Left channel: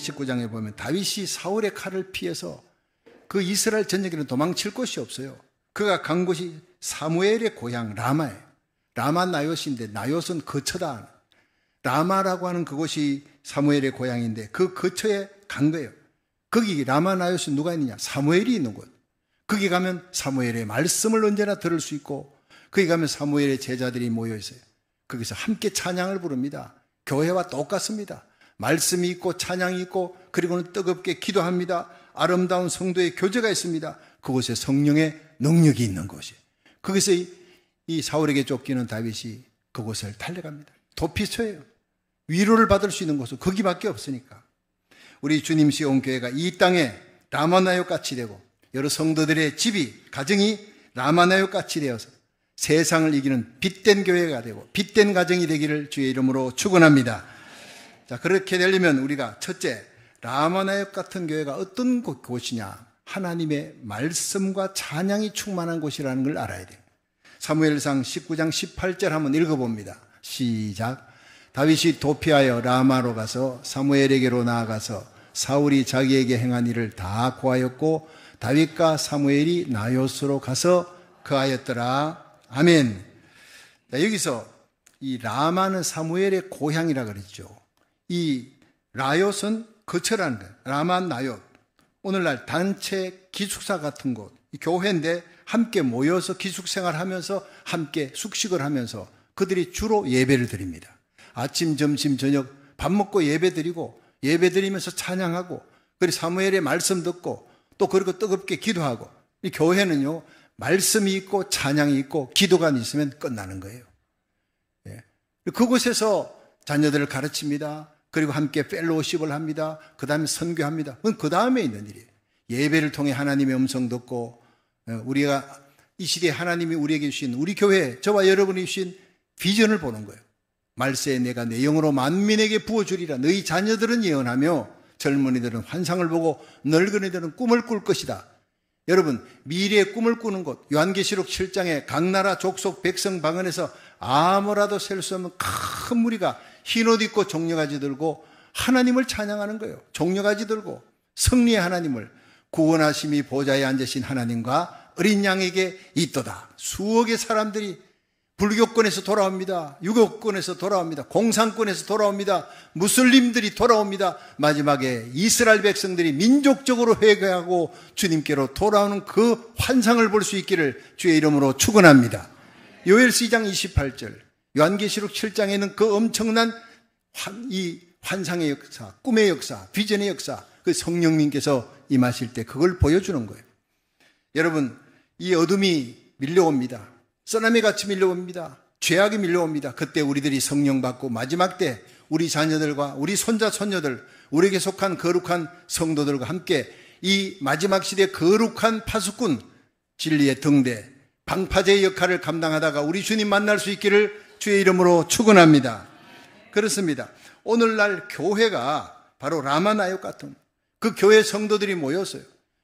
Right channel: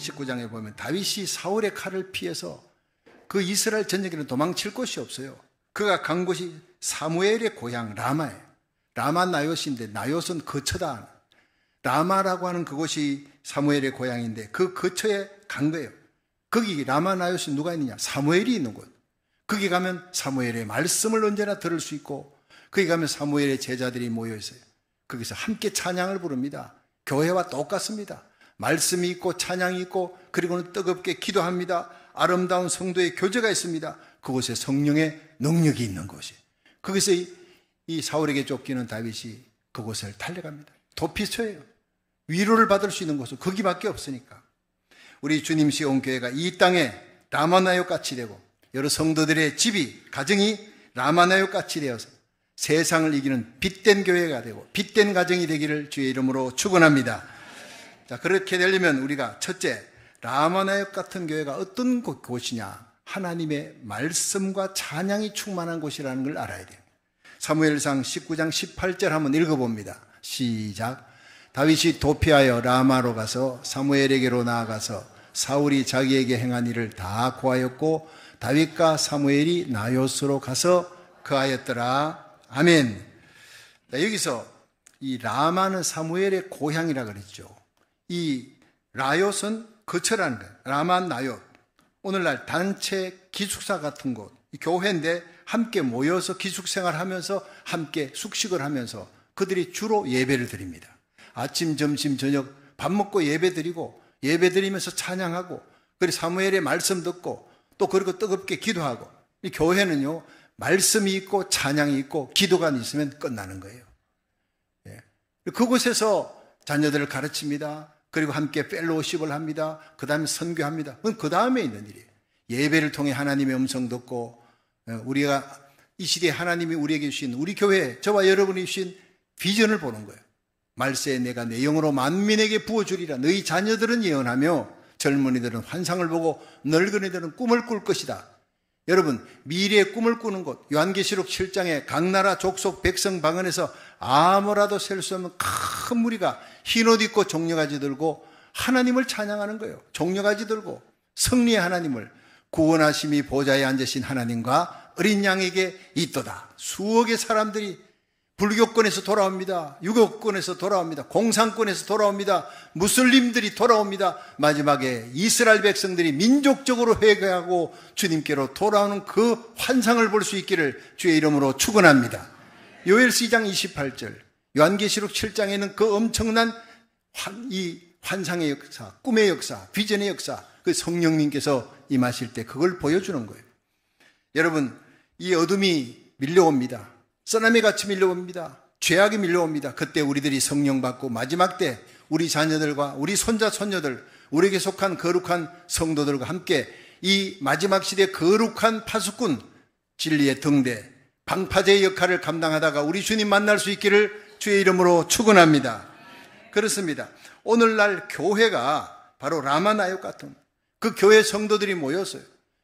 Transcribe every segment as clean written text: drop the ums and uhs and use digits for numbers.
19장에 보면 다윗이 사울의 칼을 피해서 그 이스라엘 전역에는 도망칠 곳이 없어요. 그가 간 곳이 사무엘의 고향 라마예요. 라마 나요스인데 나요스는 거처다. 라마라고 하는 그곳이 사무엘의 고향인데 그 거처에 간 거예요. 거기 라마 나요스 누가 있느냐? 사무엘이 있는 곳. 거기 가면 사무엘의 말씀을 언제나 들을 수 있고 거기 가면 사무엘의 제자들이 모여 있어요. 거기서 함께 찬양을 부릅니다. 교회와 똑같습니다. 말씀이 있고 찬양이 있고 그리고는 뜨겁게 기도합니다. 아름다운 성도의 교제가 있습니다. 그곳에 성령의 능력이 있는 곳이에요. 거기서 이 사울에게 쫓기는 다윗이 그곳을 달려갑니다. 도피처예요. 위로를 받을 수 있는 곳은 거기밖에 없으니까. 우리 주님 시온교회가 이 땅에 라마나요 같이 되고 여러 성도들의 집이 가정이 라마나요 같이 되어서 세상을 이기는 빛된 교회가 되고 빛된 가정이 되기를 주의 이름으로 축원합니다. 자, 그렇게 되려면 우리가 첫째, 라마나요 같은 교회가 어떤 곳이냐? 하나님의 말씀과 찬양이 충만한 곳이라는 걸 알아야 돼요. 사무엘상 19장 18절 한번 읽어봅니다. 시작. 다윗이 도피하여 라마로 가서 사무엘에게로 나아가서 사울이 자기에게 행한 일을 다 고하였고 다윗과 사무엘이 나요스로 가서 거하였더라. 아멘. 여기서 이 라마는 사무엘의 고향이라 그랬죠. 이 라요스는 거처라는 거예요. 라마 나요. 오늘날 단체 기숙사 같은 곳, 교회인데 함께 모여서 기숙생활하면서 함께 숙식을 하면서 그들이 주로 예배를 드립니다. 아침, 점심, 저녁 밥 먹고 예배 드리고 예배 드리면서 찬양하고 그리고 사무엘의 말씀 듣고 또 그리고 뜨겁게 기도하고 이 교회는요 말씀이 있고 찬양이 있고 기도가 있으면 끝나는 거예요. 예. 그곳에서 자녀들을 가르칩니다. 그리고 함께 펠로우십을 합니다. 그 다음에 선교합니다. 그건 그 다음에 있는 일이에요. 예배를 통해 하나님의 음성 듣고 우리가 이 시대에 하나님이 우리에게 주신 우리 교회 저와 여러분이 주신 비전을 보는 거예요. 말세에 내가 내 영으로 만민에게 부어주리라. 너희 자녀들은 예언하며 젊은이들은 환상을 보고 늙은이들은 꿈을 꿀 것이다. 여러분 미래의 꿈을 꾸는 곳 요한계시록 7장에 각 나라 족속 백성 방언에서 아무라도 셀 수 없는 큰 무리가 흰옷 입고 종려가지 들고 하나님을 찬양하는 거예요. 종려가지 들고 승리의 하나님을 구원하심이 보좌에 앉으신 하나님과 어린 양에게 있도다. 수억의 사람들이 불교권에서 돌아옵니다. 유교권에서 돌아옵니다. 공산권에서 돌아옵니다. 무슬림들이 돌아옵니다. 마지막에 이스라엘 백성들이 민족적으로 회개하고 주님께로 돌아오는 그 환상을 볼 수 있기를 주의 이름으로 축원합니다. 요엘서 2장 28절 요한계시록 7장에는 그 엄청난 이 환상의 역사, 꿈의 역사, 비전의 역사 그 성령님께서 임하실 때 그걸 보여주는 거예요. 여러분 이 어둠이 밀려옵니다. 쓰나미 같이 밀려옵니다. 죄악이 밀려옵니다. 그때 우리들이 성령 받고 마지막 때 우리 자녀들과 우리 손자 손녀들 우리에게 속한 거룩한 성도들과 함께 이 마지막 시대의 거룩한 파수꾼 진리의 등대 방파제의 역할을 감당하다가 우리 주님 만날 수 있기를 주의 이름으로 축원합니다. 그렇습니다. 오늘날 교회가 바로 라마나요 같은 그 교회 성도들이 모였어요.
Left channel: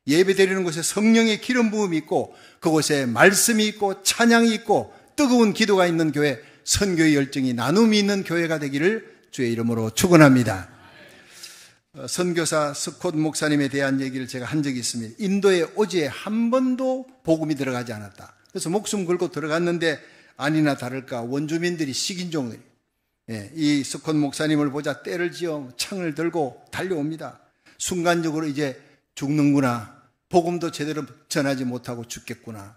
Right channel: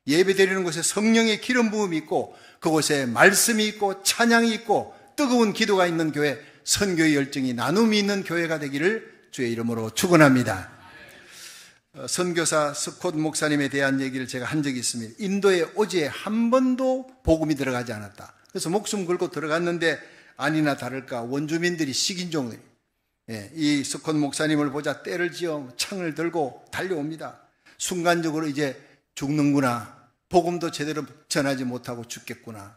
예배드리는 곳에 성령의 기름 부음이 있고 그곳에 말씀이 있고 찬양이 있고 뜨거운 기도가 있는 교회, 선교의 열정이 나눔이 있는 교회가 되기를 주의 이름으로 축원합니다. 선교사 스콧 목사님에 대한 얘기를 제가 한 적이 있습니다. 인도에 오지에 한 번도 복음이 들어가지 않았다. 그래서 목숨 걸고 들어갔는데 아니나 다를까 원주민들이 식인종들이 이 스콧 목사님을 보자 때를 지어 창을 들고 달려옵니다. 순간적으로 이제 죽는구나. 복음도 제대로 전하지 못하고 죽겠구나.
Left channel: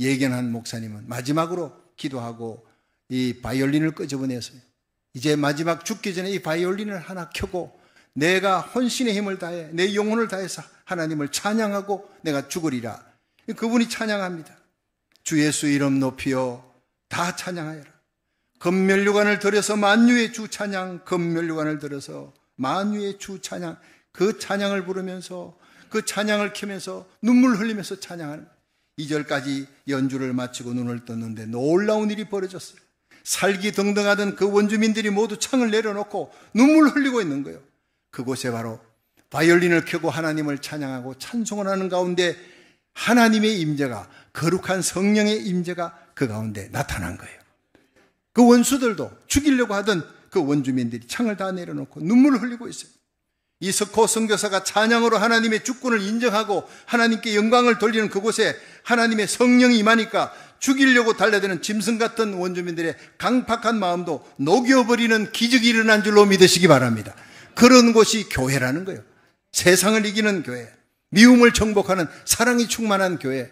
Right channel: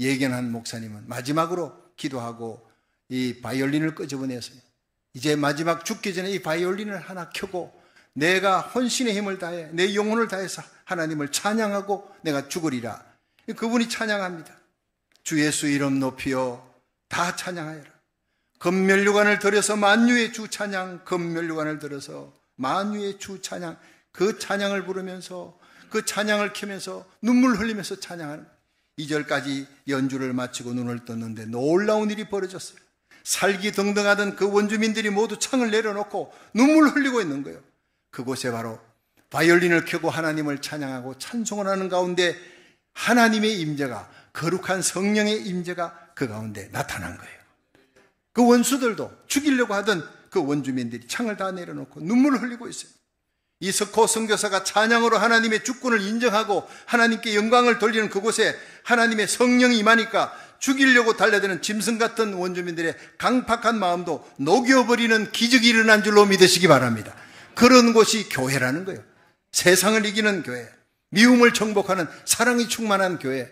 예견한 목사님은 마지막으로 기도하고 이 바이올린을 끄집어내서 이제 마지막 죽기 전에 이 바이올린을 하나 켜고 내가 혼신의 힘을 다해 내 영혼을 다해서 하나님을 찬양하고 내가 죽으리라. 그분이 찬양합니다. 주 예수 이름 높이여 다 찬양하여라. 금면류관을 들여서 만유의 주 찬양, 금면류관을 들여서 만유의 주 찬양, 그 찬양을 부르면서 그 찬양을 켜면서 눈물 흘리면서 찬양하는 2절까지 연주를 마치고 눈을 떴는데 놀라운 일이 벌어졌어요. 살기 등등하던 그 원주민들이 모두 창을 내려놓고 눈물 흘리고 있는 거예요. 그곳에 바로 바이올린을 켜고 하나님을 찬양하고 찬송을 하는 가운데 하나님의 임재가 거룩한 성령의 임재가 그 가운데 나타난 거예요. 그 원수들도 죽이려고 하던 그 원주민들이 창을 다 내려놓고 눈물을 흘리고 있어요. 이 석호 선교사가 찬양으로 하나님의 주권을 인정하고 하나님께 영광을 돌리는 그곳에 하나님의 성령이 임하니까 죽이려고 달려드는 짐승 같은 원주민들의 강팍한 마음도 녹여버리는 기적이 일어난 줄로 믿으시기 바랍니다. 그런 곳이 교회라는 거예요. 세상을 이기는 교회, 미움을 정복하는 사랑이 충만한 교회,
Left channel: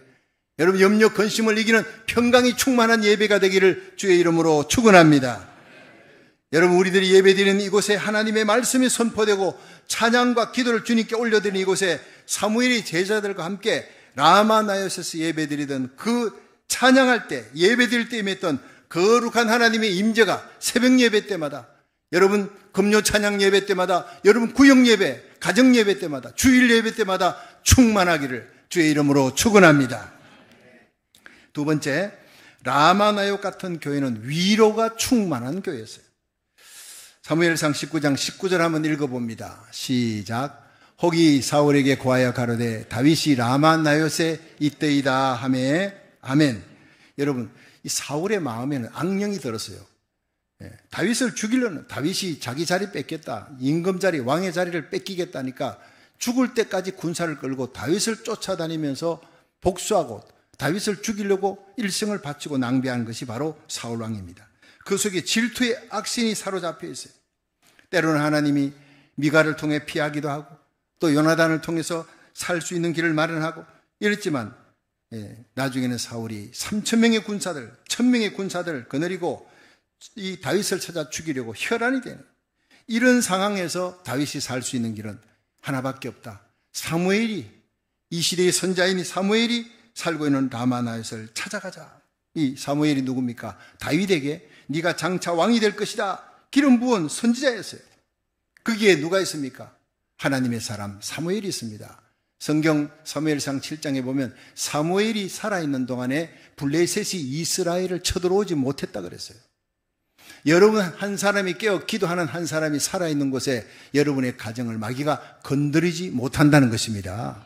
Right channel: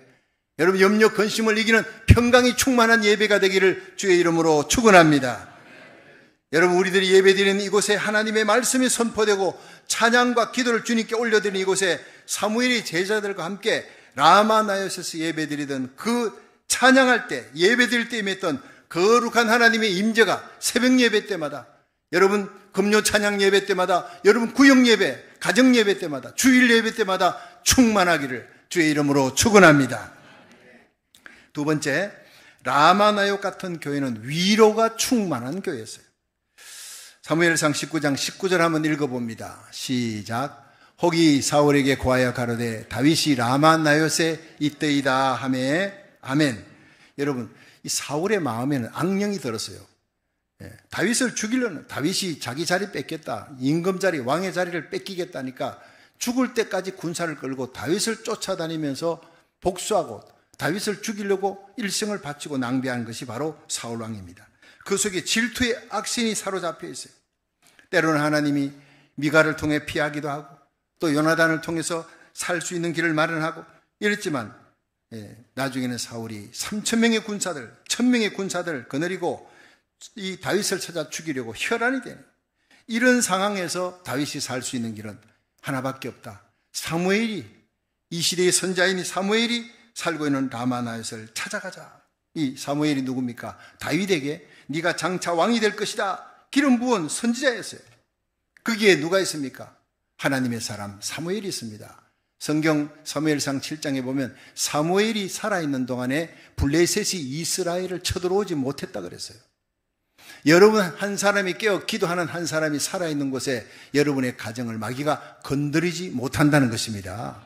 여러분 염려 근심을 이기는 평강이 충만한 예배가 되기를 주의 이름으로 축원합니다. 여러분 우리들이 예배드리는 이곳에 하나님의 말씀이 선포되고 찬양과 기도를 주님께 올려드리는 이곳에 사무엘이 제자들과 함께 라마 나요세스 예배드리던 그 찬양할 때 예배드릴 때 임했던 거룩한 하나님의 임재가 새벽 예배 때마다, 여러분 금요 찬양 예배 때마다, 여러분 구역 예배, 가정 예배 때마다, 주일 예배 때마다 충만하기를 주의 이름으로 축원합니다. 두 번째, 라마나요 같은 교회는 위로가 충만한 교회였어요. 사무엘상 19장 19절 한번 읽어봅니다. 시작. 혹이 사울에게 구하여 가로되 다윗이 라마나요세 있더이다 하매 아멘. 여러분 이 사울의 마음에는 악령이 들었어요. 다윗을 죽이려는, 다윗이 자기 자리 뺏겠다, 임금 자리, 왕의 자리를 뺏기겠다니까 죽을 때까지 군사를 끌고 다윗을 쫓아다니면서 복수하고 다윗을 죽이려고 일생을 바치고 낭비한 것이 바로 사울 왕입니다. 그 속에 질투의 악신이 사로잡혀 있어요. 때로는 하나님이 미가를 통해 피하기도 하고 또 요나단을 통해서 살 수 있는 길을 마련하고 이랬지만 나중에는 사울이 3,000명의 군사들, 1,000명의 군사들을 거느리고 이 다윗을 찾아 죽이려고 혈안이 되는, 이런 상황에서 다윗이 살 수 있는 길은 하나밖에 없다. 사무엘이, 이 시대의 선자인 사무엘이 살고 있는 라마나요스를 찾아가자. 이 사무엘이 누굽니까? 다윗에게 네가 장차 왕이 될 것이다 기름 부은 선지자였어요. 거기에 누가 있습니까? 하나님의 사람 사무엘이 있습니다. 성경 사무엘상 7장에 보면 사무엘이 살아있는 동안에 블레셋이 이스라엘을 쳐들어오지 못했다 그랬어요. 여러분 한 사람이 깨어 기도하는 한 사람이 살아있는 곳에 여러분의 가정을 마귀가 건드리지 못한다는 것입니다.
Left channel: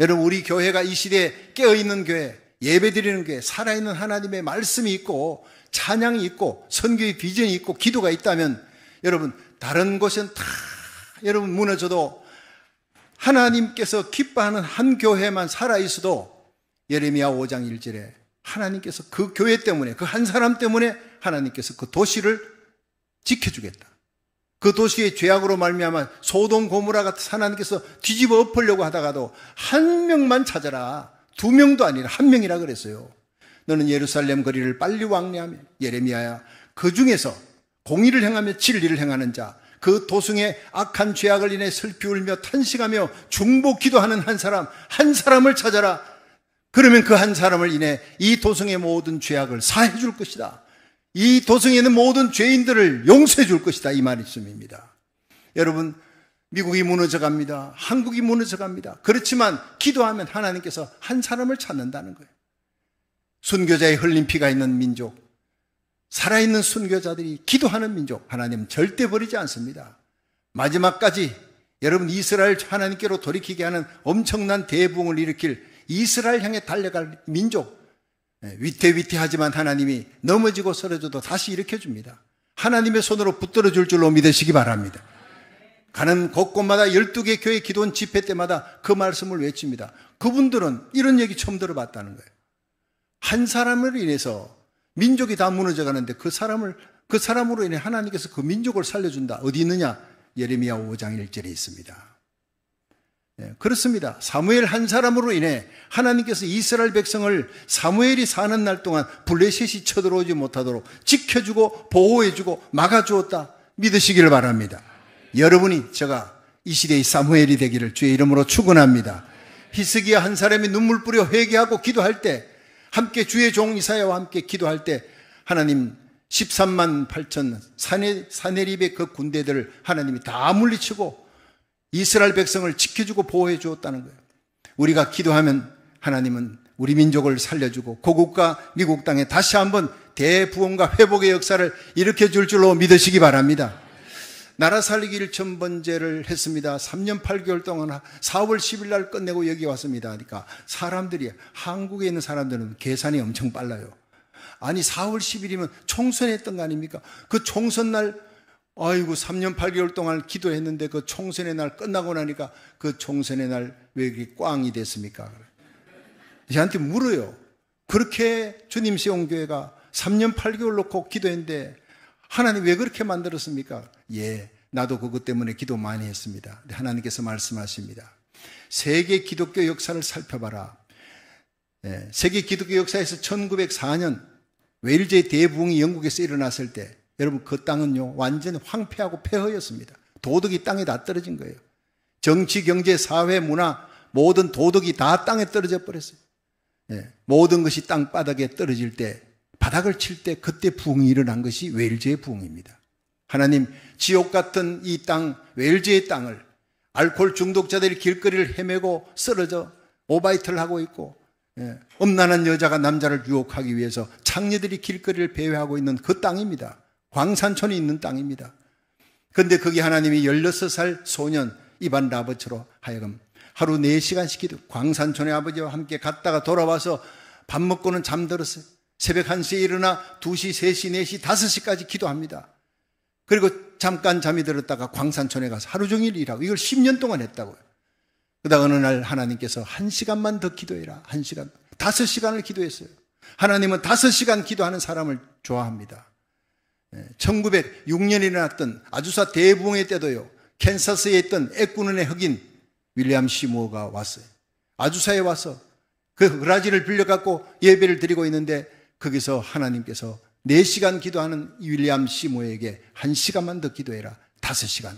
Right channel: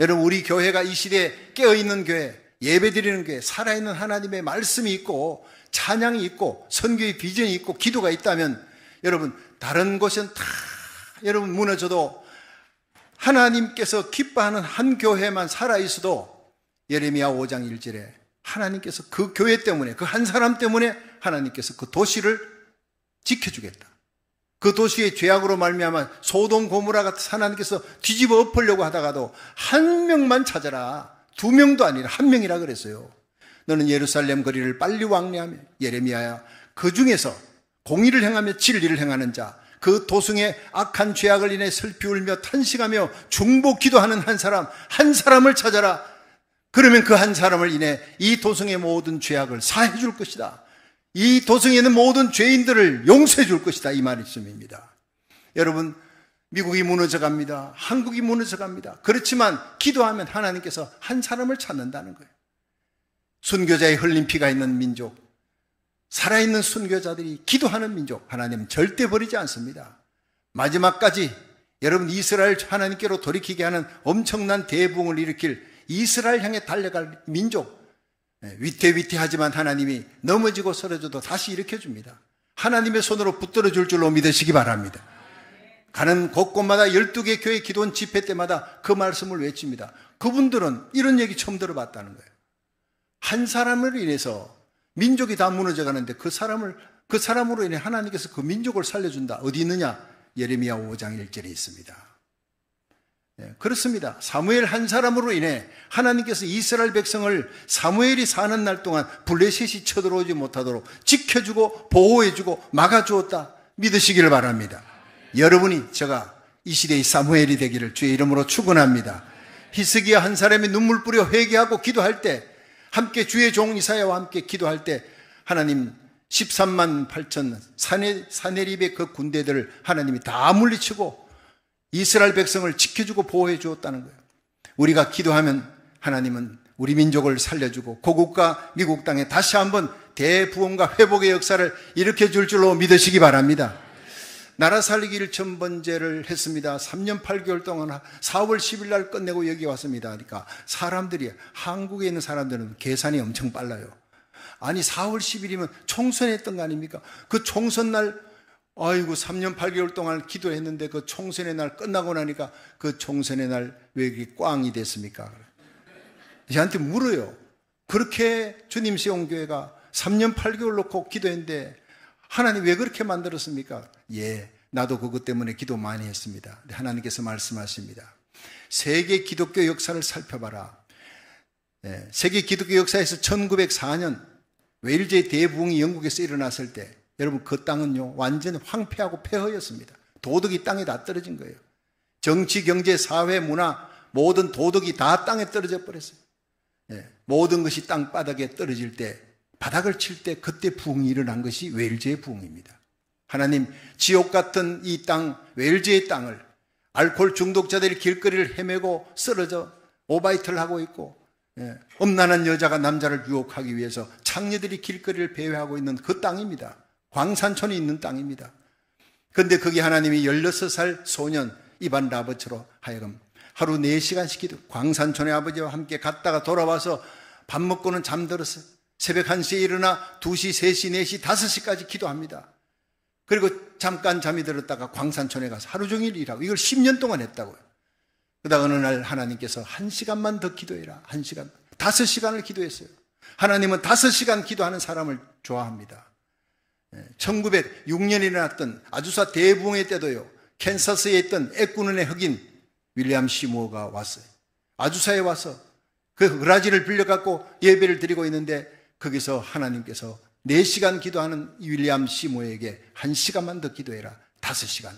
여러분 우리 교회가 이 시대에 깨어있는 교회, 예배드리는 교회, 살아있는 하나님의 말씀이 있고 찬양이 있고 선교의 비전이 있고 기도가 있다면 여러분 다른 곳은 다 여러분 무너져도 하나님께서 기뻐하는 한 교회만 살아있어도 예레미야 5장 1절에 하나님께서 그 교회 때문에, 그 한 사람 때문에 하나님께서 그 도시를 지켜주겠다. 그 도시의 죄악으로 말미암아 소돔 고모라가 하나님께서 뒤집어 엎으려고 하다가도 한 명만 찾아라. 2명도 아니라 1명이라 그랬어요. 너는 예루살렘 거리를 빨리 왕래하며 예레미야야 그 중에서 공의를 행하며 진리를 행하는 자, 그 도승의 악한 죄악을 인해 슬피 울며 탄식하며 중보 기도하는 한 사람을 찾아라. 그러면 그 한 사람을 인해 이 도승의 모든 죄악을 사해 줄 것이다. 이 도성에 있는 모든 죄인들을 용서해 줄 것이다. 이 말씀입니다. 여러분 미국이 무너져 갑니다. 한국이 무너져 갑니다. 그렇지만 기도하면 하나님께서 한 사람을 찾는다는 거예요. 순교자의 흘린 피가 있는 민족, 살아있는 순교자들이 기도하는 민족, 하나님은 절대 버리지 않습니다. 마지막까지 여러분 이스라엘 하나님께로 돌이키게 하는 엄청난 대부흥을 일으킬 이스라엘 향해 달려갈 민족, 위태위태하지만 하나님이 넘어지고 쓰러져도 다시 일으켜줍니다. 하나님의 손으로 붙들어 줄 줄로 믿으시기 바랍니다. 가는 곳곳마다 12개 교회 기도원 집회 때마다 그 말씀을 외칩니다. 그분들은 이런 얘기 처음 들어봤다는 거예요. 한 사람을 인해서 민족이 다 무너져 가는데 그 사람으로 인해 하나님께서 그 민족을 살려준다. 어디 있느냐? 예레미야 5장 1절에 있습니다. 그렇습니다. 사무엘 한 사람으로 인해 하나님께서 이스라엘 백성을 사무엘이 사는 날 동안 블레셋이 쳐들어오지 못하도록 지켜주고 보호해주고 막아주었다. 믿으시기를 바랍니다. 여러분이 제가 이 시대의 사무엘이 되기를 주의 이름으로 축원합니다. 히스기야 한 사람이 눈물 뿌려 회개하고 기도할 때, 함께 주의 종 이사야와 함께 기도할 때 하나님 13만 8천 사네립의 그 군대들을 하나님이 다 물리치고 이스라엘 백성을 지켜주고 보호해 주었다는 거예요. 우리가 기도하면 하나님은 우리 민족을 살려주고 고국과 미국 땅에 다시 한번 대부흥과 회복의 역사를 일으켜 줄 줄로 믿으시기 바랍니다. 나라 살리기 1,000번째를 했습니다. 3년 8개월 동안 4월 10일 날 끝내고 여기 왔습니다. 그러니까 사람들이, 한국에 있는 사람들은 계산이 엄청 빨라요. 아니 4월 10일이면 총선했던 거 아닙니까? 그 총선 날 아이고 3년 8개월 동안 기도했는데 그 총선의 날 끝나고 나니까 그 총선의 날 왜 이렇게 꽝이 됐습니까? 저한테 물어요. 그렇게 주님 세운 교회가 3년 8개월 놓고 기도했는데 하나님 왜 그렇게 만들었습니까? 예, 나도 그것 때문에 기도 많이 했습니다. 하나님께서 말씀하십니다. 세계 기독교 역사를 살펴봐라. 예, 세계 기독교 역사에서 1904년 웨일즈의 대부흥이 영국에서 일어났을 때 여러분 그 땅은요 완전히 황폐하고 폐허였습니다. 도덕이 땅에 다 떨어진 거예요. 정치, 경제, 사회, 문화 모든 도덕이 다 땅에 떨어져 버렸어요. 예, 모든 것이 땅바닥에 떨어질 때 바닥을 칠 때 그때 부흥이 일어난 것이 웨일즈의 부흥입니다. 하나님 지옥 같은 이 땅 웨일즈의 땅을 알코올 중독자들이 길거리를 헤매고 쓰러져 오바이트를 하고 있고 음란한 여자가 남자를 유혹하기 위해서 창녀들이 길거리를 배회하고 있는 그 땅입니다. 광산촌이 있는 땅입니다. 그런데 거기 하나님이 16살 소년 이반 라버츠로 하여금 하루 4시간씩 기도, 광산촌의 아버지와 함께 갔다가 돌아와서 밥 먹고는 잠들었어요. 새벽 1시에 일어나 2시, 3시, 4시, 5시까지 기도합니다. 그리고 잠깐 잠이 들었다가 광산촌에 가서 하루 종일 일하고 이걸 10년 동안 했다고요. 그러다가 어느 날 하나님께서 1시간만 더 기도해라. 1시간, 5시간을 기도했어요. 하나님은 5시간 기도하는 사람을 좋아합니다. 1906년에 일어났던 아주사 대부흥회 때도요. 캔사스에 있던 애꾸눈의 흑인 윌리엄 시무어가 왔어요. 아주사에 와서 그 그라지를 빌려갖고 예배를 드리고 있는데 거기서 하나님께서 4시간 기도하는 윌리엄 시무어에게 1시간만 더 기도해라. 5시간.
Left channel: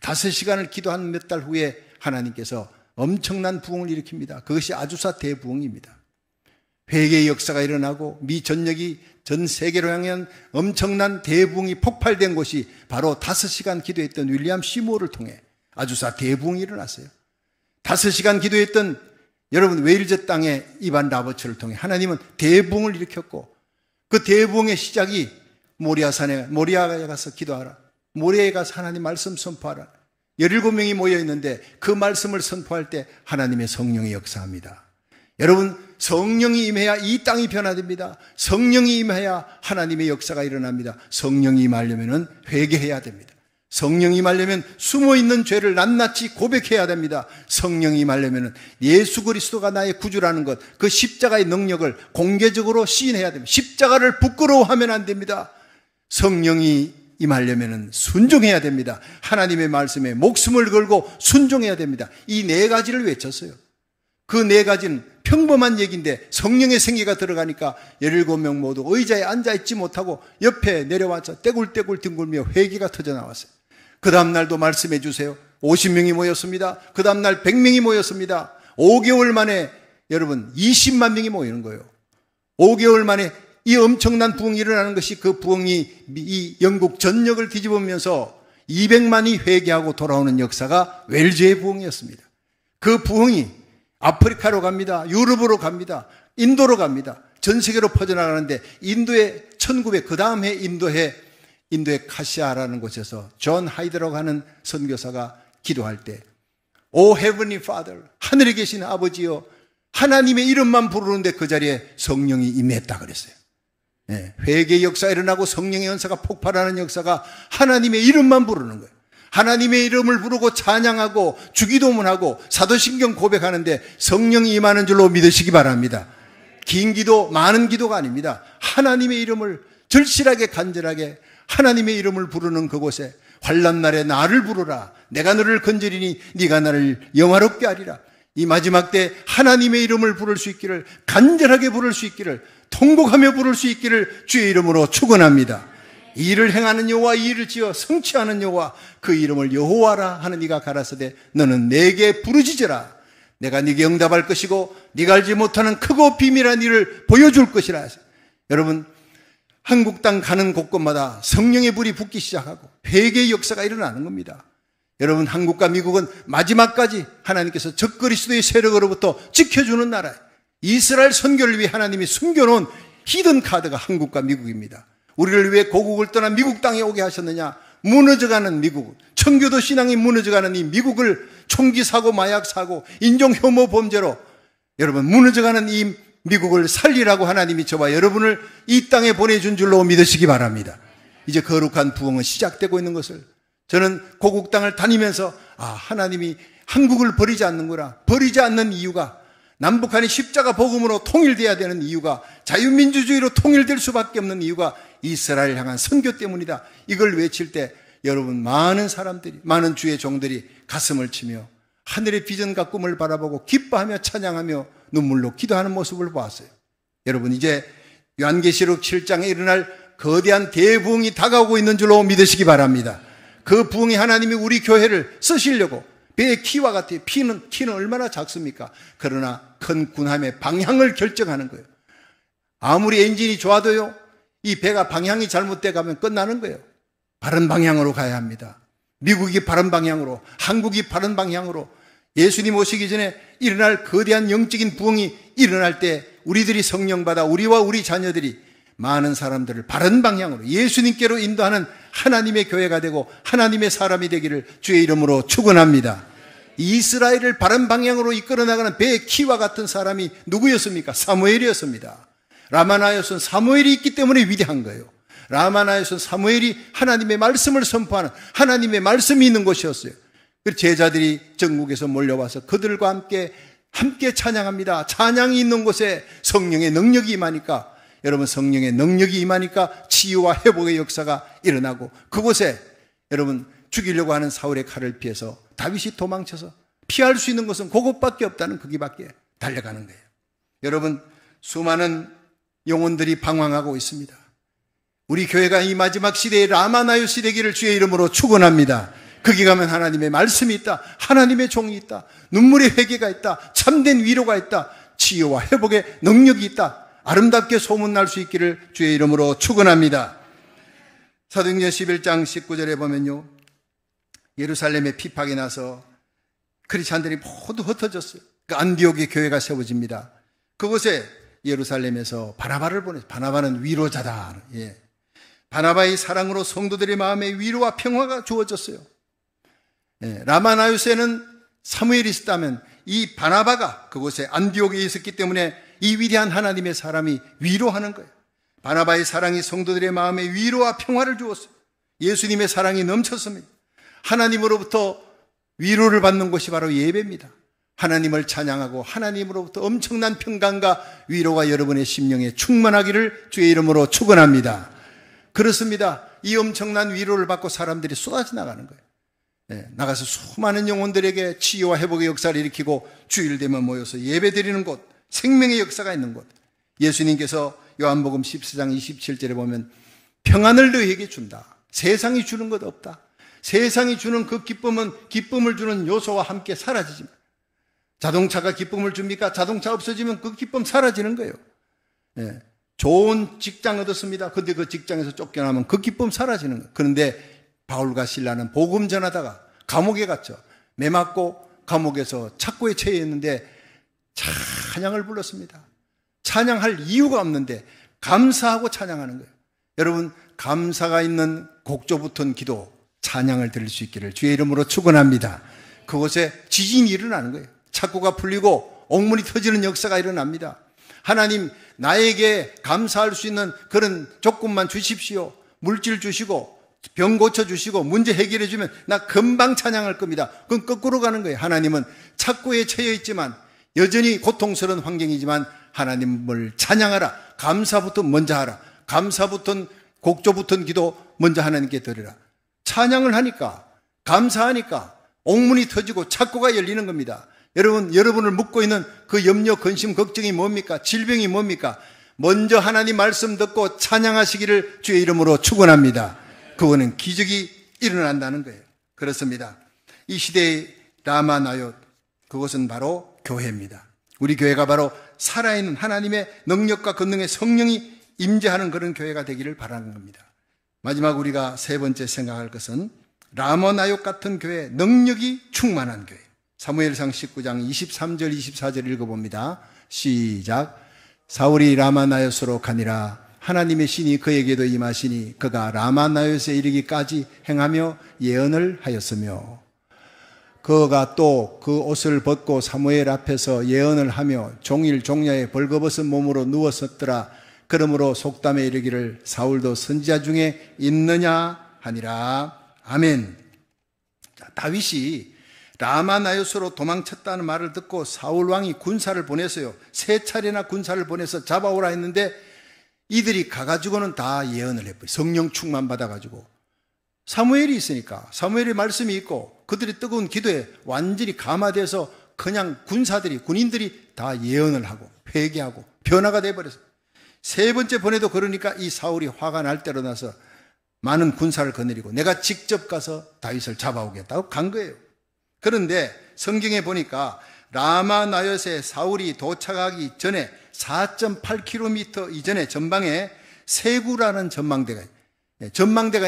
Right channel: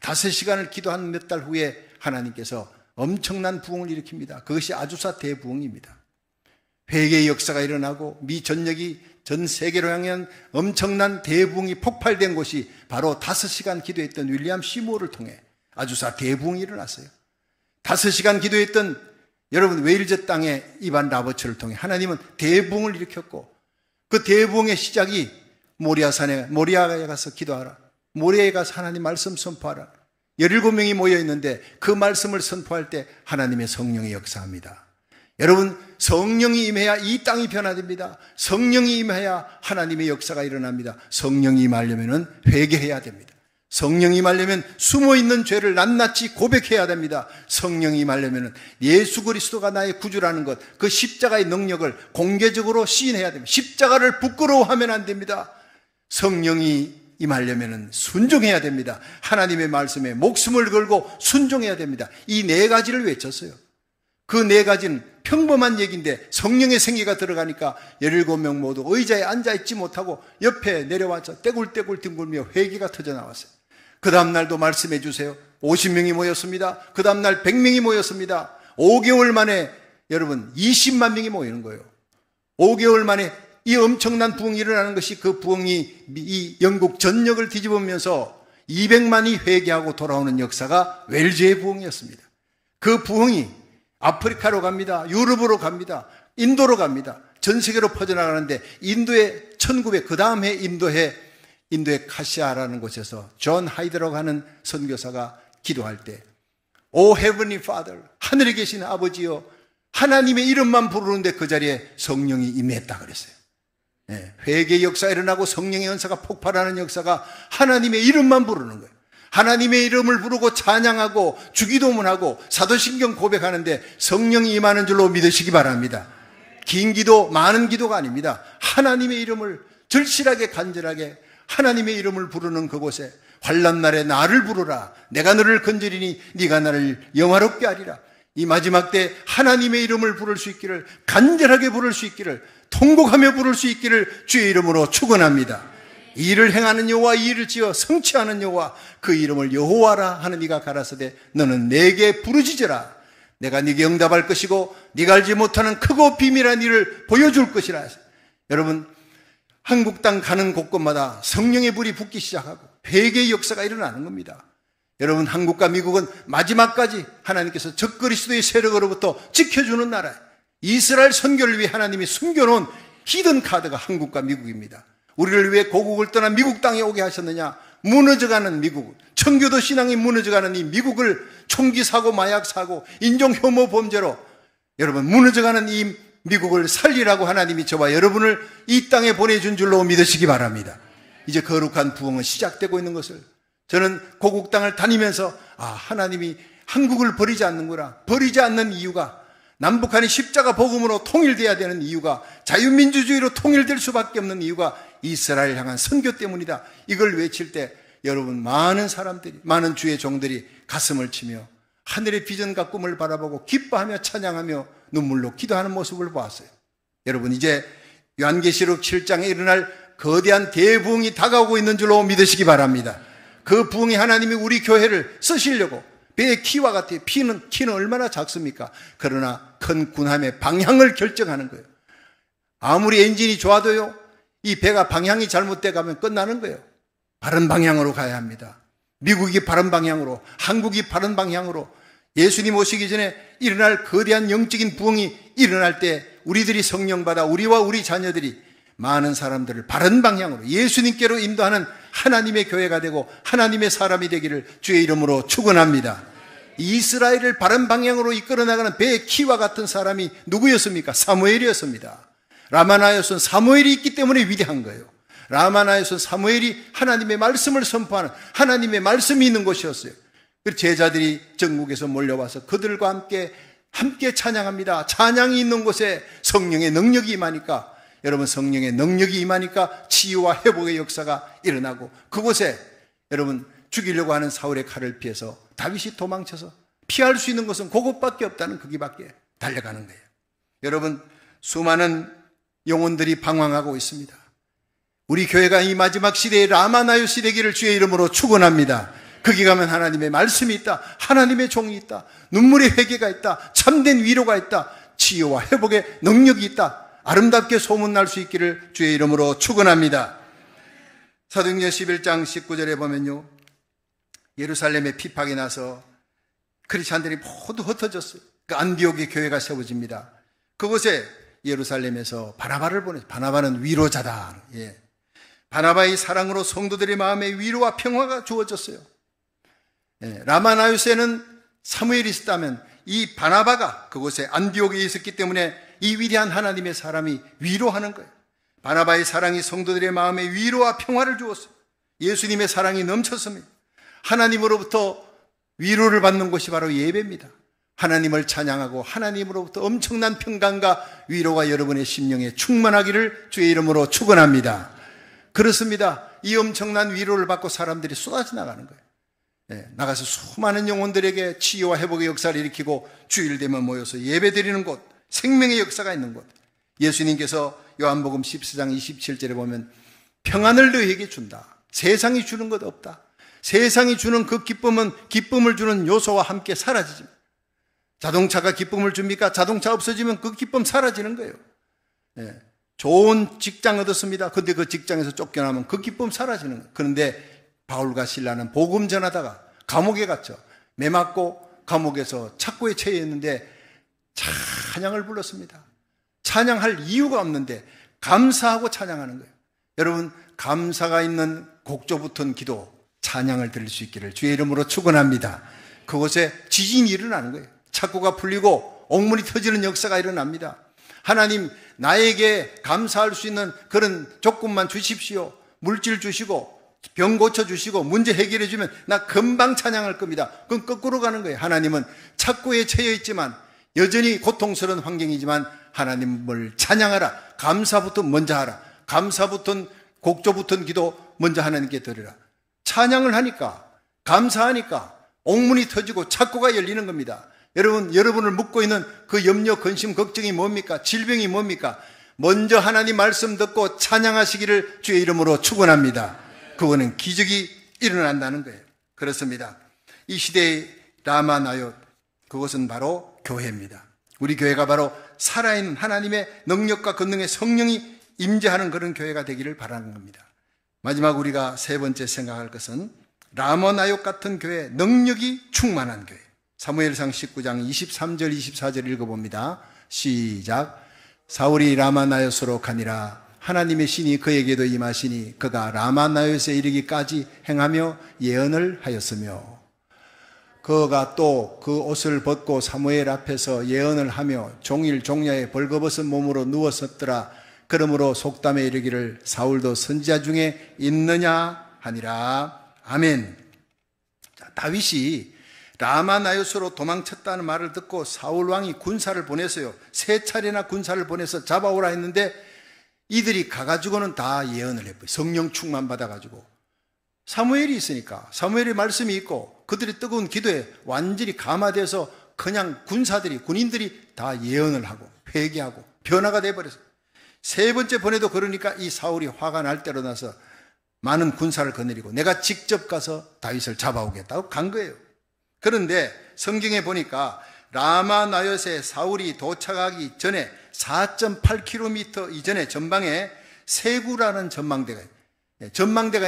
5시간을 기도한 몇 달 후에 하나님께서 엄청난 부흥을 일으킵니다. 그것이 아주사 대부흥입니다. 회개의 역사가 일어나고 미 전역이 전 세계로 향한 엄청난 대부흥이 폭발된 곳이 바로 5시간 기도했던 윌리엄 시무어를 통해 아주사 대부흥이 일어났어요. 5시간 기도했던 여러분 웨일즈 땅의 이반 라버츠를 통해 하나님은 대부흥을 일으켰고 그 대부흥의 시작이 모리아산에 모리아에 가서 기도하라. 모리아에 가서 하나님 말씀 선포하라. 17명이 모여 있는데 그 말씀을 선포할 때 하나님의 성령이 역사합니다. 여러분 성령이 임해야 이 땅이 변화됩니다. 성령이 임해야 하나님의 역사가 일어납니다. 성령이 임하려면 회개해야 됩니다. 성령이 임하려면 숨어있는 죄를 낱낱이 고백해야 됩니다. 성령이 임하려면 예수 그리스도가 나의 구주라는 것, 그 십자가의 능력을 공개적으로 시인해야 됩니다. 십자가를 부끄러워하면 안 됩니다. 성령이 임하려면 순종해야 됩니다. 하나님의 말씀에 목숨을 걸고 순종해야 됩니다. 이 4가지를 외쳤어요. 그 4가지는 평범한 얘기인데 성령의 생기가 들어가니까 17명 모두 의자에 앉아있지 못하고 옆에 내려와서 떼굴떼굴 뒹굴며 회개가 터져나왔어요. 그 다음날도 말씀해 주세요. 50명이 모였습니다. 그 다음날 100명이 모였습니다. 5개월 만에 여러분 20만 명이 모이는 거예요. 5개월 만에 이 엄청난 부흥이 일어나는 것이 그 부흥이 이 영국 전역을 뒤집으면서 200만이 회개하고 돌아오는 역사가 웰즈의 부흥이었습니다. 그 부흥이 아프리카로 갑니다. 유럽으로 갑니다. 인도로 갑니다. 전 세계로 퍼져나가는데 인도의 1900 그 다음 해 인도의 카시아라는 곳에서 존 하이드라고 하는 선교사가 기도할 때 O Heavenly Father 하늘에 계신 아버지여 하나님의 이름만 부르는데 그 자리에 성령이 임했다 그랬어요. 네, 회개의 역사가 일어나고 성령의 연사가 폭발하는 역사가 하나님의 이름만 부르는 거예요. 하나님의 이름을 부르고 찬양하고 주기도문하고 사도신경 고백하는데 성령이 임하는 줄로 믿으시기 바랍니다. 긴 기도, 많은 기도가 아닙니다. 하나님의 이름을 절실하게 간절하게 하나님의 이름을 부르는 그곳에 환난날에 나를 부르라. 내가 너를 건지리니 네가 나를 영화롭게 하리라. 이 마지막 때 하나님의 이름을 부를 수 있기를 간절하게 부를 수 있기를 통곡하며 부를 수 있기를 주의 이름으로 축원합니다. 이 일을 행하는 여호와 이 일을 지어 성취하는 여호와 그 이름을 여호와라 하는 이가 가라사대 너는 내게 부르짖으라. 내가 네게 응답할 것이고 네가 알지 못하는 크고 비밀한 일을 보여줄 것이라. 여러분 한국 땅 가는 곳곳마다 성령의 불이 붙기 시작하고 회개의 역사가 일어나는 겁니다. 여러분 한국과 미국은 마지막까지 하나님께서 적그리스도의 세력으로부터 지켜주는 나라예요. 이스라엘 선교를 위해 하나님이 숨겨놓은 히든 카드가 한국과 미국입니다. 우리를 위해 고국을 떠나 미국 땅에 오게 하셨느냐? 무너져가는 미국, 청교도 신앙이 무너져가는 이 미국을 총기 사고, 마약 사고, 인종 혐오 범죄로 여러분 무너져가는 이 미국을 살리라고 하나님이 저와 여러분을 이 땅에 보내준 줄로 믿으시기 바랍니다. 이제 거룩한 부흥은 시작되고 있는 것을 저는 고국 땅을 다니면서 하나님이 한국을 버리지 않는구나. 버리지 않는 이유가 남북한이 십자가 복음으로 통일돼야 되는 이유가 자유민주주의로 통일될 수밖에 없는 이유가 이스라엘 향한 선교 때문이다. 이걸 외칠 때 여러분 많은 사람들이 많은 주의 종들이 가슴을 치며 하늘의 비전과 꿈을 바라보고 기뻐하며 찬양하며 눈물로 기도하는 모습을 보았어요. 여러분 이제 요한계시록 7장에 일어날 거대한 대부흥이 다가오고 있는 줄로 믿으시기 바랍니다. 그 부흥이 하나님이 우리 교회를 쓰시려고 배의 키와 같아요. 키는 얼마나 작습니까? 그러나 큰 군함의 방향을 결정하는 거예요. 아무리 엔진이 좋아도요, 이 배가 방향이 잘못돼 가면 끝나는 거예요. 바른 방향으로 가야 합니다. 미국이 바른 방향으로, 한국이 바른 방향으로, 예수님 오시기 전에 일어날 거대한 영적인 부흥이 일어날 때 우리들이 성령 받아 우리와 우리 자녀들이 많은 사람들을 바른 방향으로 예수님께로 인도하는 하나님의 교회가 되고 하나님의 사람이 되기를 주의 이름으로 축원합니다. 이스라엘을 바른 방향으로 이끌어 나가는 배의 키와 같은 사람이 누구였습니까? 사무엘이었습니다. 라마나요스는 사무엘이 있기 때문에 위대한 거예요. 라마나요스는 사무엘이 하나님의 말씀을 선포하는 하나님의 말씀이 있는 곳이었어요. 그 제자들이 전국에서 몰려와서 그들과 함께 찬양합니다. 찬양이 있는 곳에 성령의 능력이 임하니까, 여러분 성령의 능력이 임하니까 치유와 회복의 역사가 일어나고, 그곳에 여러분 죽이려고 하는 사울의 칼을 피해서 다윗이 도망쳐서 피할 수 있는 것은 그곳밖에 없다는 거기밖에 달려가는 거예요. 여러분 수많은 영혼들이 방황하고 있습니다. 우리 교회가 이 마지막 시대에 라마나요스 되기를 주의 이름으로 축원합니다. 거기 가면 하나님의 말씀이 있다. 하나님의 종이 있다. 눈물의 회개가 있다. 참된 위로가 있다. 치유와 회복의 능력이 있다. 아름답게 소문날 수 있기를 주의 이름으로 축원합니다. 사도행전 11장 19절에 보면요, 예루살렘에 핍박이 나서 크리스찬들이 모두 흩어졌어요. 그 안디옥의 교회가 세워집니다. 그곳에 예루살렘에서 바나바를 보내요. 바나바는 위로자다. 예. 바나바의 사랑으로 성도들의 마음에 위로와 평화가 주어졌어요. 예. 라마나요스에는 사무엘이 있었다면 이 바나바가 그곳에 안디옥에 있었기 때문에 이 위대한 하나님의 사람이 위로하는 거예요. 바나바의 사랑이 성도들의 마음에 위로와 평화를 주었어요. 예수님의 사랑이 넘쳤습니다. 하나님으로부터 위로를 받는 곳이 바로 예배입니다. 하나님을 찬양하고 하나님으로부터 엄청난 평강과 위로가 여러분의 심령에 충만하기를 주의 이름으로 축원합니다. 그렇습니다. 이 엄청난 위로를 받고 사람들이 쏟아져 나가는 거예요. 네, 나가서 수많은 영혼들에게 치유와 회복의 역사를 일으키고 주일 되면 모여서 예배드리는 곳, 생명의 역사가 있는 곳. 예수님께서 요한복음 14장 27절에 보면 평안을 너희에게 준다. 세상이 주는 것 없다. 세상이 주는 그 기쁨은 기쁨을 주는 요소와 함께 사라지지. 자동차가 기쁨을 줍니까? 자동차 없어지면 그 기쁨 사라지는 거예요. 네. 좋은 직장 얻었습니다. 근데 그 직장에서 쫓겨나면 그 기쁨 사라지는 거예요. 그런데 바울과 실라는 복음 전하다가 감옥에 갔죠. 매 맞고 감옥에서 착고에 처해 있는데 찬양을 불렀습니다. 찬양할 이유가 없는데 감사하고 찬양하는 거예요. 여러분 감사가 있는 곡조 붙은 기도, 찬양을 드릴 수 있기를 주의 이름으로 축원합니다. 그곳에 지진이 일어나는 거예요. 착고가 풀리고 옥문이 터지는 역사가 일어납니다. 하나님 나에게 감사할 수 있는 그런 조건만 주십시오. 물질 주시고 병 고쳐주시고 문제 해결해 주면 나 금방 찬양할 겁니다. 그건 거꾸로 가는 거예요. 하나님은 착고에 처해 있지만 여전히 고통스러운 환경이지만 하나님을 찬양하라. 감사부터 먼저 하라. 감사부터 곡조 붙은 기도 먼저 하나님께 드리라. 찬양을 하니까 감사하니까 옥문이 터지고 착고가 열리는 겁니다. 여러분을 묶고 있는 그 염려, 근심, 걱정이 뭡니까? 질병이 뭡니까? 먼저 하나님 말씀 듣고 찬양하시기를 주의 이름으로 축원합니다. 그거는 기적이 일어난다는 거예요. 그렇습니다. 이 시대의 라마나요, 그것은 바로 교회입니다. 우리 교회가 바로 살아있는 하나님의 능력과 권능의 성령이 임재하는 그런 교회가 되기를 바라는 겁니다. 마지막 우리가 세 번째 생각할 것은 라마나요 같은 교회, 능력이 충만한 교회. 사무엘상 19장 23절 24절 읽어봅니다. 시작. 사울이 라마나요스로 가니라. 하나님의 신이 그에게도 임하시니 그가 라마나요스에 이르기까지 행하며 예언을 하였으며, 그가 또 그 옷을 벗고 사무엘 앞에서 예언을 하며 종일 종야에 벌거벗은 몸으로 누웠었더라. 그러므로 속담에 이르기를 사울도 선지자 중에 있느냐 하니라. 아멘. 자, 다윗이 라마나요스로 도망쳤다는 말을 듣고 사울 왕이 군사를 보냈어요. 3차례나 군사를 보내서 잡아오라 했는데 이들이 가가지고는 다 예언을 했고요. 성령 충만 받아가지고. 사무엘이 있으니까, 사무엘의 말씀이 있고 그들의 뜨거운 기도에 완전히 감화돼서 그냥 군인들이 다 예언을 하고 회개하고 변화가 돼버렸어요. 3번째 보내도 그러니까 이 사울이 화가 날 대로 나서 많은 군사를 거느리고 내가 직접 가서 다윗을 잡아오겠다고 간 거예요. 그런데 성경에 보니까 라마나요스에 사울이 도착하기 전에 4.8km 이전에 전방에 세구라는 전망대가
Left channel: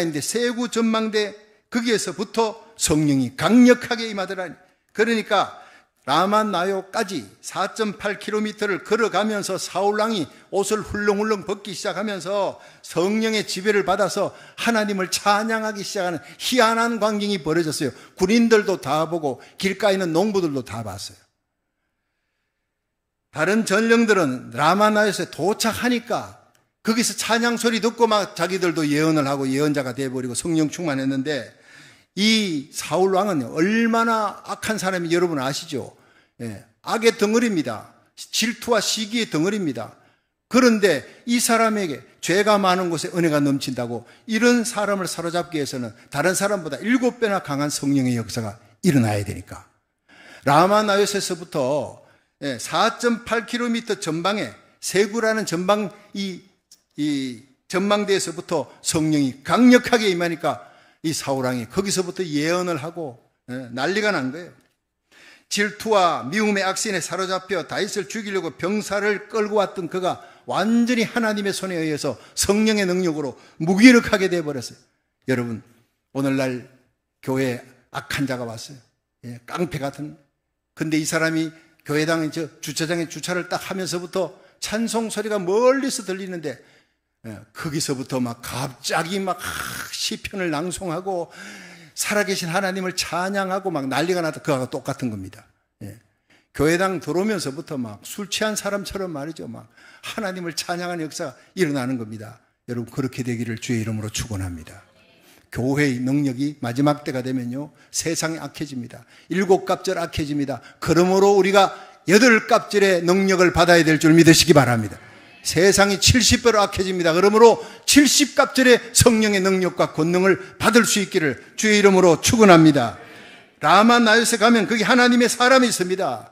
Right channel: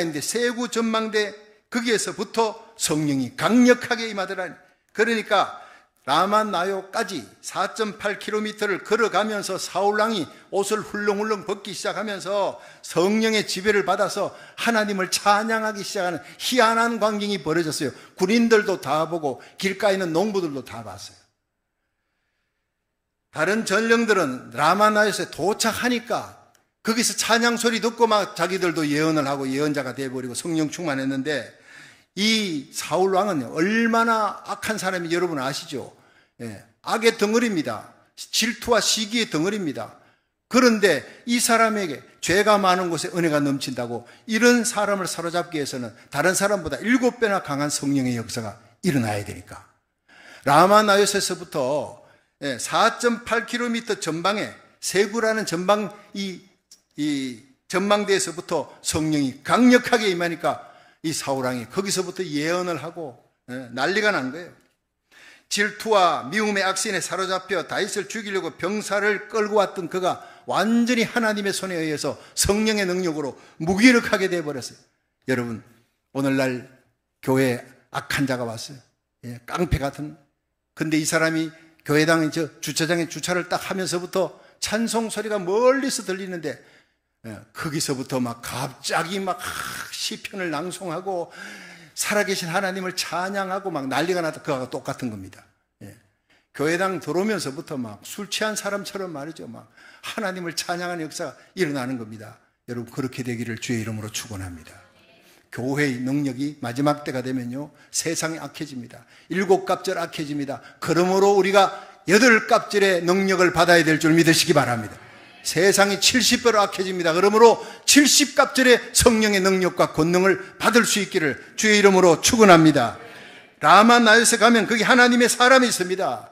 있는데 세구 전망대 거기에서부터 성령이 강력하게 임하더라. 그러니까 라마나요까지 4.8km를 걸어가면서 사울왕이 옷을 훌렁훌렁 벗기 시작하면서 성령의 지배를 받아서 하나님을 찬양하기 시작하는 희한한 광경이 벌어졌어요. 군인들도 다 보고 길가에 있는 농부들도 다 봤어요. 다른 전령들은 라마나요스에 도착하니까 거기서 찬양 소리 듣고 막 자기들도 예언을 하고 예언자가 되어버리고 성령 충만했는데 이 사울왕은 얼마나 악한 사람이 여러분 아시죠? 악의 덩어리입니다. 질투와 시기의 덩어리입니다. 그런데 이 사람에게 죄가 많은 곳에 은혜가 넘친다고 이런 사람을 사로잡기 위해서는 다른 사람보다 7배나 강한 성령의 역사가 일어나야 되니까. 라마나요스에서부터 4.8km 전방에 세구라는 이 전망대에서부터 성령이 강력하게 임하니까 이 사울왕이 거기서부터 예언을 하고 난리가 난 거예요. 질투와 미움의 악신에 사로잡혀 다윗을 죽이려고 병사를 끌고 왔던 그가 완전히 하나님의 손에 의해서 성령의 능력으로 무기력하게 되어버렸어요. 여러분, 오늘날 교회에 악한 자가 왔어요. 깡패 같은. 근데 이 사람이 교회당 주차장에 주차를 딱 하면서부터 찬송 소리가 멀리서 들리는데 거기서부터 막 갑자기 막 시편을 낭송하고 살아계신 하나님을 찬양하고 막 난리가 나다. 그거하고 똑같은 겁니다. 교회당 들어오면서부터 막 술 취한 사람처럼 말이죠. 막 하나님을 찬양하는 역사가 일어나는 겁니다. 여러분, 그렇게 되기를 주의 이름으로 축원합니다. 교회의 능력이 마지막 때가 되면요, 세상이 악해집니다. 7갑절 악해집니다. 그러므로 우리가 8갑절의 능력을 받아야 될 줄 믿으시기 바랍니다. 세상이 70배로 악해집니다. 그러므로 70갑절의 성령의 능력과 권능을 받을 수 있기를 주의 이름으로 축원합니다. 라마나요스에 가면 거기 하나님의 사람이 있습니다.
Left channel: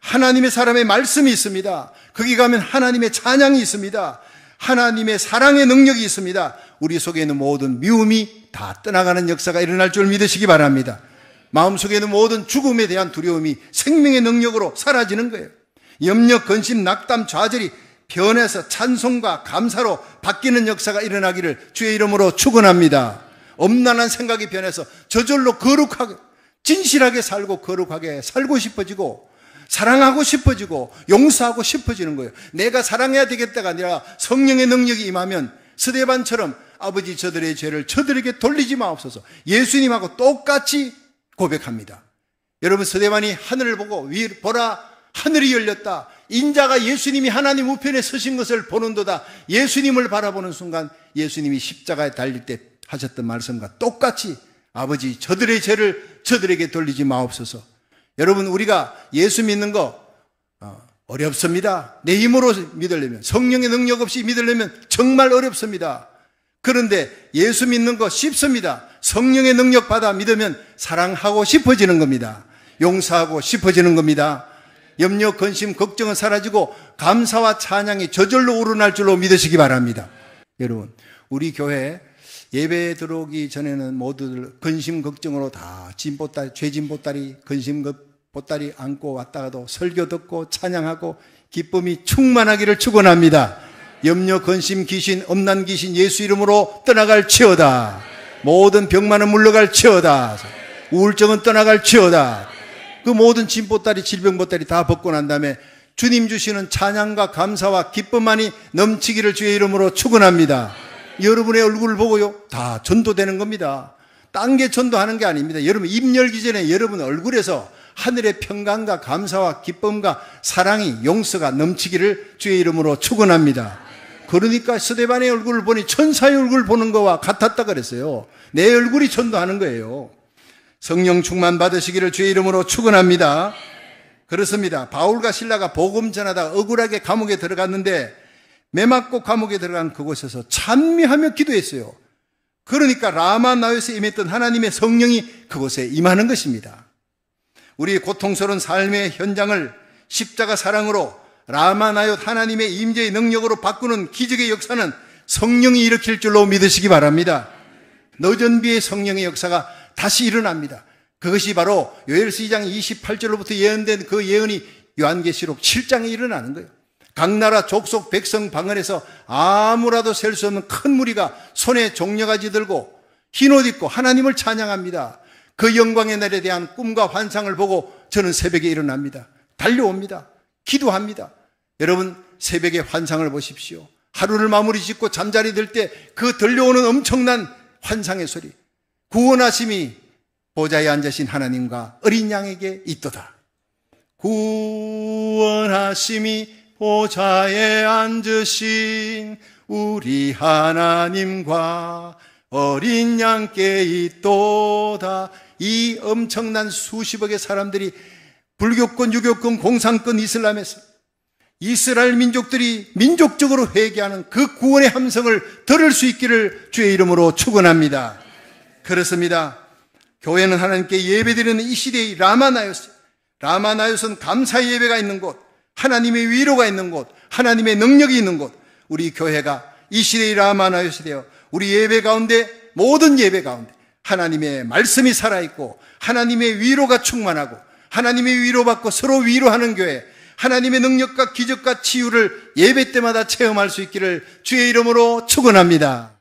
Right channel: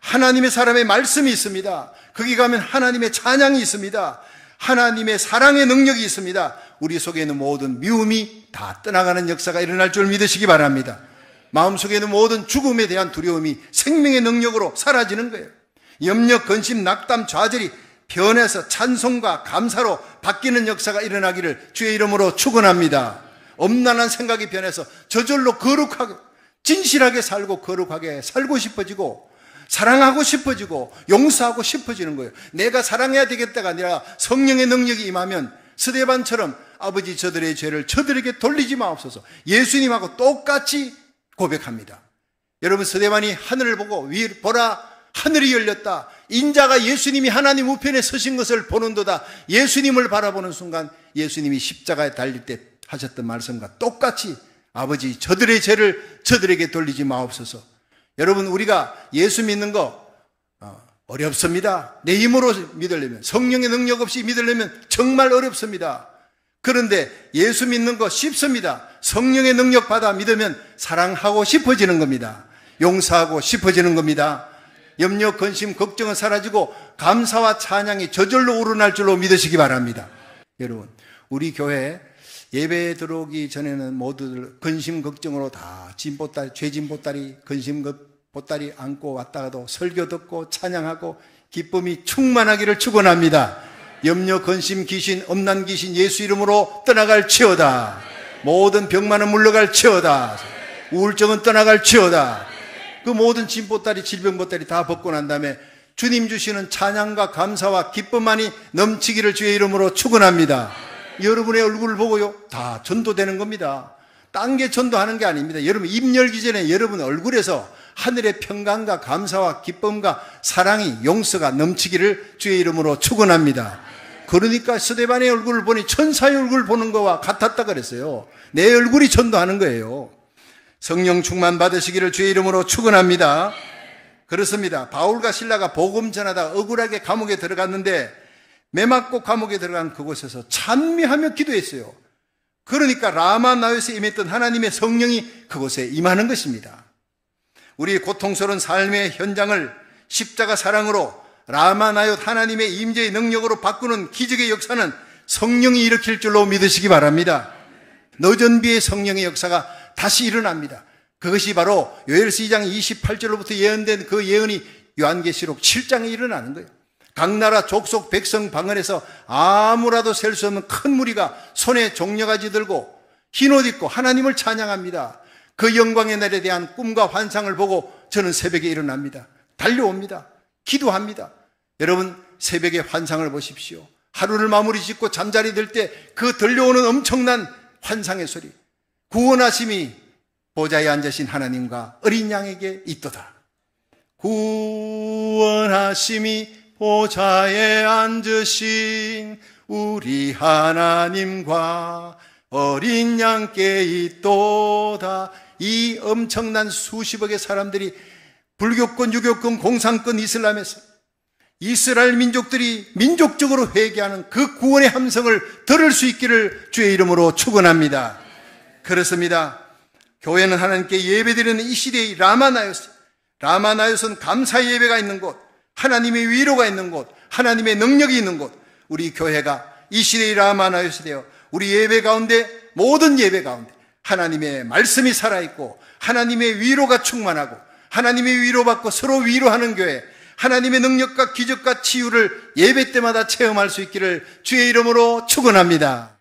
하나님의 사람의 말씀이 있습니다. 거기 가면 하나님의 찬양이 있습니다. 하나님의 사랑의 능력이 있습니다. 우리 속에 있는 모든 미움이 다 떠나가는 역사가 일어날 줄 믿으시기 바랍니다. 마음속에 있는 모든 죽음에 대한 두려움이 생명의 능력으로 사라지는 거예요. 염려, 근심, 낙담, 좌절이 변해서 찬송과 감사로 바뀌는 역사가 일어나기를 주의 이름으로 축원합니다. 엄난한 생각이 변해서 저절로 거룩하게, 진실하게 살고 거룩하게 살고 싶어지고 사랑하고 싶어지고 용서하고 싶어지는 거예요. 내가 사랑해야 되겠다가 아니라 성령의 능력이 임하면 스데반처럼 아버지 저들의 죄를 저들에게 돌리지 마옵소서. 예수님하고 똑같이 고백합니다. 여러분, 스데반이 하늘을 보고 보라 하늘이 열렸다. 인자가 예수님이 하나님 우편에 서신 것을 보는도다. 예수님을 바라보는 순간 예수님이 십자가에 달릴 때 하셨던 말씀과 똑같이 아버지 저들의 죄를 저들에게 돌리지 마옵소서. 여러분, 우리가 예수 믿는 거 어렵습니다. 내 힘으로 믿으려면, 성령의 능력 없이 믿으려면 정말 어렵습니다. 그런데 예수 믿는 거 쉽습니다. 성령의 능력 받아 믿으면 사랑하고 싶어지는 겁니다. 용서하고 싶어지는 겁니다. 염려, 근심, 걱정은 사라지고 감사와 찬양이 저절로 우러날 줄로 믿으시기 바랍니다. 여러분, 우리 교회 예배 들어오기 전에는 모두들 근심, 걱정으로 다 죄진보따리, 근심 보따리 안고 왔다가도 설교 듣고 찬양하고 기쁨이 충만하기를 축원합니다. 염려, 근심, 귀신, 엄난 귀신 예수 이름으로 떠나갈 치어다. 모든 병만은 물러갈 치어다. 우울증은 떠나갈 치어다. 그 모든 진보따리, 질병보따리 다 벗고 난 다음에 주님 주시는 찬양과 감사와 기쁨만이 넘치기를 주의 이름으로 축원합니다. 여러분의 얼굴을 보고요, 다 전도되는 겁니다. 딴 게 전도하는 게 아닙니다. 여러분, 입 열기 전에 여러분 얼굴에서 하늘의 평강과 감사와 기쁨과 사랑이, 용서가 넘치기를 주의 이름으로 축원합니다. 그러니까 스데반의 얼굴을 보니 천사의 얼굴을 보는 거와 같았다 그랬어요. 내 얼굴이 전도하는 거예요. 성령 충만 받으시기를 주의 이름으로 축원합니다. 그렇습니다. 바울과 실라가 복음 전하다 억울하게 감옥에 들어갔는데 매 맞고 감옥에 들어간 그곳에서 찬미하며 기도했어요. 그러니까 라마 나요스에 임했던 하나님의 성령이 그곳에 임하는 것입니다. 우리 고통스러운 삶의 현장을 십자가 사랑으로 라마 나요스 하나님의 임재의 능력으로 바꾸는 기적의 역사는 성령이 일으킬 줄로 믿으시기 바랍니다. 늦은 비의 성령의 역사가 다시 일어납니다. 그것이 바로 요엘서 2장 28절로부터 예언된 그 예언이 요한계시록 7장에 일어나는 거예요. 각 나라 족속 백성 방언에서 아무라도 셀 수 없는 큰 무리가 손에 종려가지 들고 흰옷 입고 하나님을 찬양합니다. 그 영광의 날에 대한 꿈과 환상을 보고 저는 새벽에 일어납니다. 달려옵니다. 기도합니다. 여러분 새벽에 환상을 보십시오. 하루를 마무리 짓고 잠자리 들 때 그 들려오는 엄청난 환상의 소리, 구원하심이 보좌에 앉으신 하나님과 어린 양에게 있도다. 구원하심이 보좌에 앉으신 우리 하나님과 어린 양께 있도다. 이 엄청난 수십억의 사람들이 불교권, 유교권, 공산권, 이슬람에서 이스라엘 민족들이 민족적으로 회개하는 그 구원의 함성을 들을 수 있기를 주의 이름으로 축원합니다. 그렇습니다. 교회는 하나님께 예배드리는 이 시대의 라마나요스는 감사의 예배가 있는 곳, 하나님의 위로가 있는 곳, 하나님의 능력이 있는 곳. 우리 교회가 이 시대의 라마나요스 되어 우리 예배 가운데, 모든 예배 가운데 하나님의 말씀이 살아있고 하나님의 위로가 충만하고 하나님의 위로받고 서로 위로하는 교회, 하나님의 능력과 기적과 치유를 예배 때마다 체험할 수 있기를 주의 이름으로 축원합니다.